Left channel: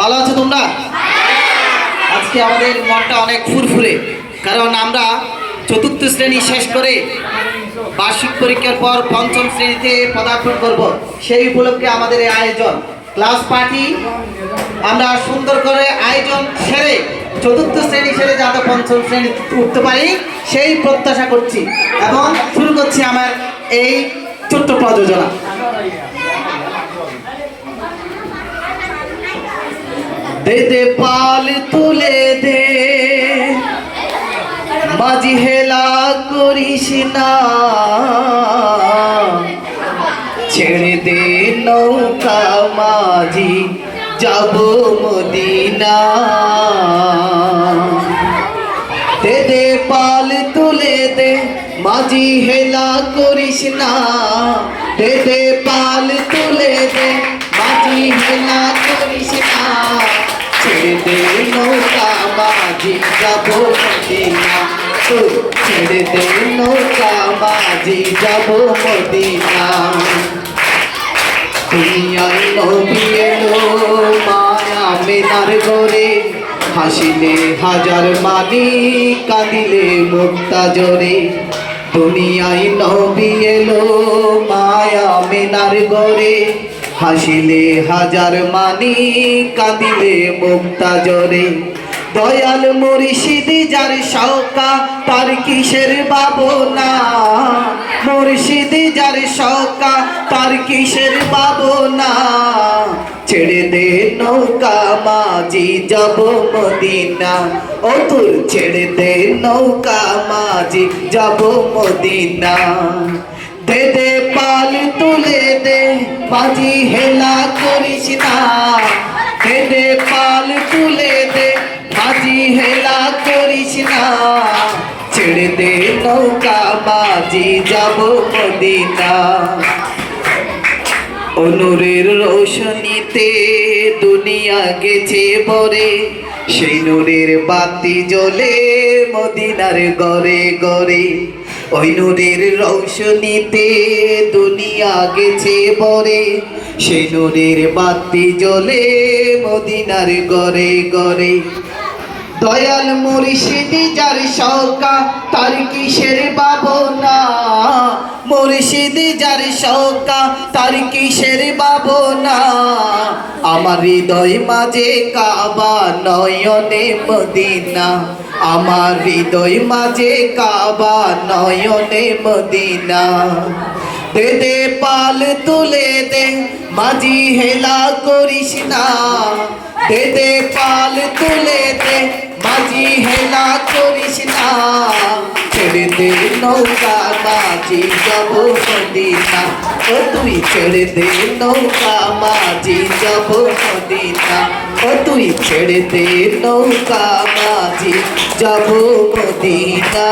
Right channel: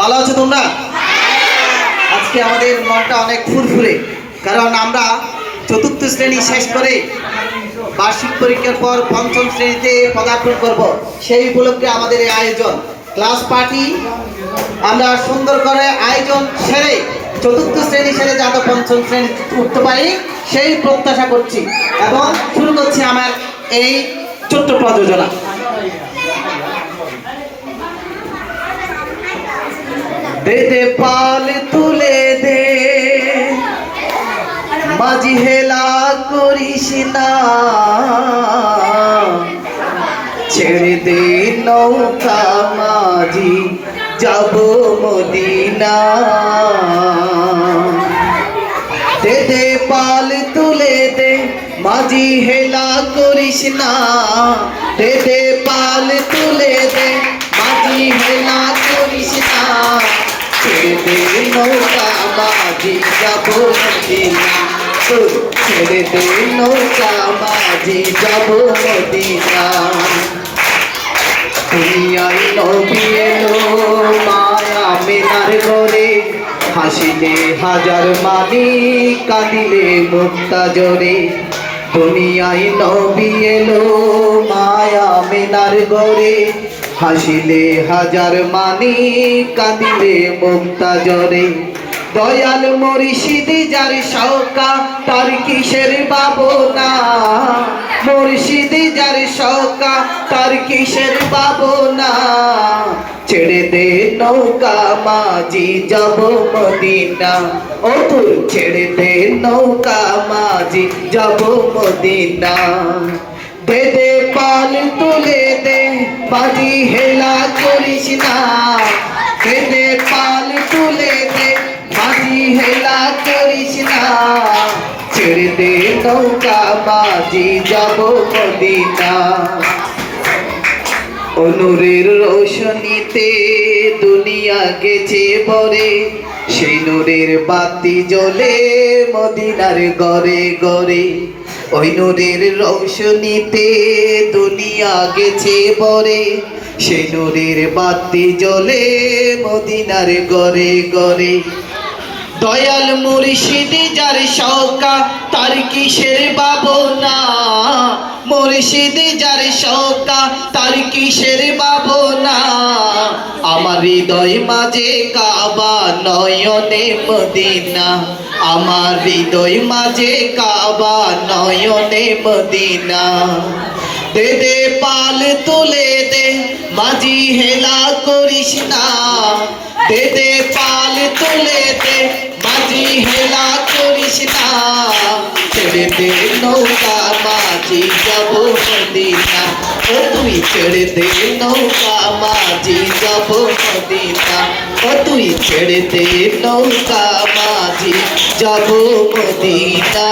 ভালো আছো তোমরা? আজকে আমাদের মনটা অনেক ফুরফুরে, কারণ আমরা চতুর্থ শ্রেণী শেষ করে বার্ষিক পরীক্ষার পর পঞ্চম শ্রেণীতে পদার্পণ করব। সেই উপলক্ষে আমাদের এই আয়োজন, ক্লাস পার্টি। আমরা সুন্দর করে আয়োজন সেরে চতুর্থ শ্রেণী সেরে যাতে পঞ্চম শ্রেণী উঠতে পারি সেই প্রত্যাশা করছি, এবং শুরু করছি আমার এই ছোট্ট প্রযোজনা। দে দে পাল তুলে দে, মাঝি হেলা করিস না, ছেড়ে দে নৌকা মাঝি যাব মদিনা। দে দে পাল তুলে দে, মাঝি হেলা করিস না, দে দে পাল তুলে দে, মাঝি হেলা করিস না, ছেড়ে দে নৌকা মাঝি যাব মদিনা, ছেড়ে দে নৌকা মাঝি যাব মদিনা। দুনিয়ায় নবী এলো মায়া মেনার ঘরে, হাসিলে হাজার মানি কাঁদিলে মুক্তা জোরে। দুনিয়ায় নবী এলো মায়া মেনার ঘরে, হাসিলে হাজার মানি কাঁদিলে মুক্তা জোরে। দয়াল মুর্শিদ যার শৌকা তার কিসের ভাবনা, মুর্শিদ যার শৌকা তার কিসের ভাবনা। ছেড়ে দে নৌকা মাঝি যাব মদিনা, ও তুই ছেড়ে দে নৌকা মাঝি যাব মদিনা। দে দে পাল তুলে দে, মাঝি হেলা করিস না, দে দে পাল তুলে দে, মাঝি হেলা করিস না, ছেড়ে দে নৌকা মাঝি যাব মদিনা। নূরের রোশনীতে দুনিয়া গেছে ভরে, সেই নূরের বাতি জ্বলে মদিনার ঘরে ঘরে। ওই নূরের রোশনীতে দুনিয়া গেছে ভরে, সেই নূরের বাতি জ্বলে মদিনার ঘরে ঘরে। দয়াল মুর্শিদ যার শৌকা তার কিসের ভাবনা, মুর্শিদ যার শৌকা তার কিসের ভাবনা। আমার হৃদয় মাঝে কাবা নয়নে মদিনা, আমার হৃদয় মাঝে কাবা নয়নে মদিনা। দে দে পাল তুলে দে, মাঝি হেলা করিস না, দে দে পাল তুলে দে, মাঝি হেলা করিস না, ছেড়ে দে নৌকা মাঝি যাব মদিনা, ও তুই ছেড়ে দে নৌকা মাঝি যাব মদিনা, ও তুই ছেড়ে দে নৌকা মাঝি যাব মদিনা।